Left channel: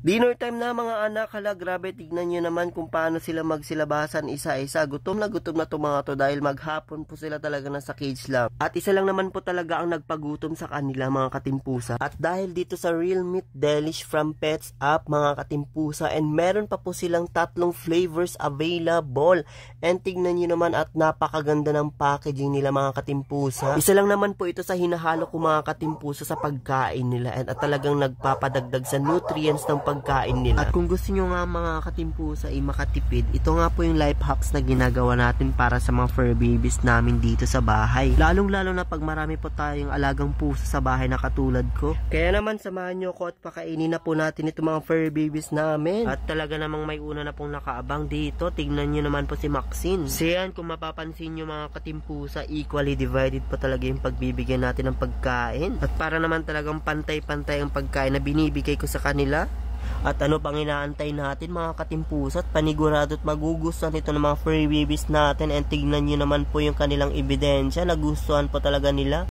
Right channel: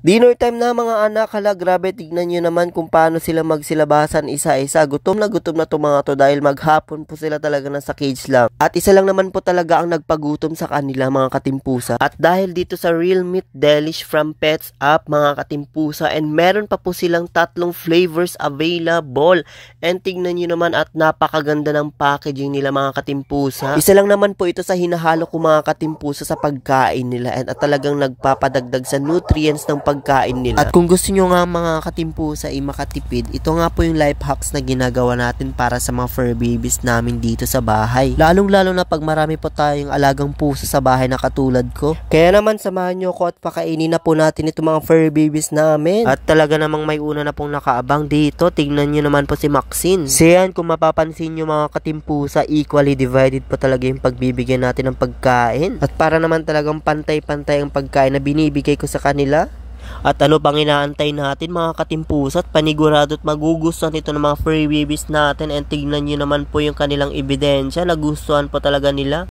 Dinner time na mga anak, hala grabe, tignan nyo naman kung paano sila magsilabasan isa-isa. Gutom na to mga to dahil maghapon po sila talaga nasa cage lang. At isa lang naman po talaga ang nagpagutom sa kanila mga katimpusa. At dahil dito sa Real Meat Delish from Pets Up mga katimpusa, and meron pa po silang 3 flavors available. And tignan nyo naman at napakaganda ng packaging nila mga katimpusa. Isa lang naman po ito sa hinahalo ko mga katimpusa sa pagkain nila at talagang nagpapadagdag sa nutrients ng pagkain nila. At kung gusto nyo nga mga katimpusa ay makatipid, ito nga po yung life hacks na ginagawa natin para sa mga fur babies namin dito sa bahay. Lalong-lalo na pag marami po tayong alagang pusa sa bahay na katulad ko. Kaya naman samahan nyo ko at pakainin na po natin itong mga fur babies namin. At talaga namang may una na pong nakaabang dito. Tignan nyo naman po si Maxine. Siyan, kung mapapansin nyo mga katimpusa, equally divided po talaga yung pagbibigyan natin ng pagkain. At para naman talagang pantay-pantay ang pagkain na binibigay ko sa kanila. At ano pang inaantay natin mga katimpusa, at panigurado at magugustuhan ito ng mga furry babies natin. And tignan nyo naman po yung kanilang ebidensya, nagustuhan po talaga nila.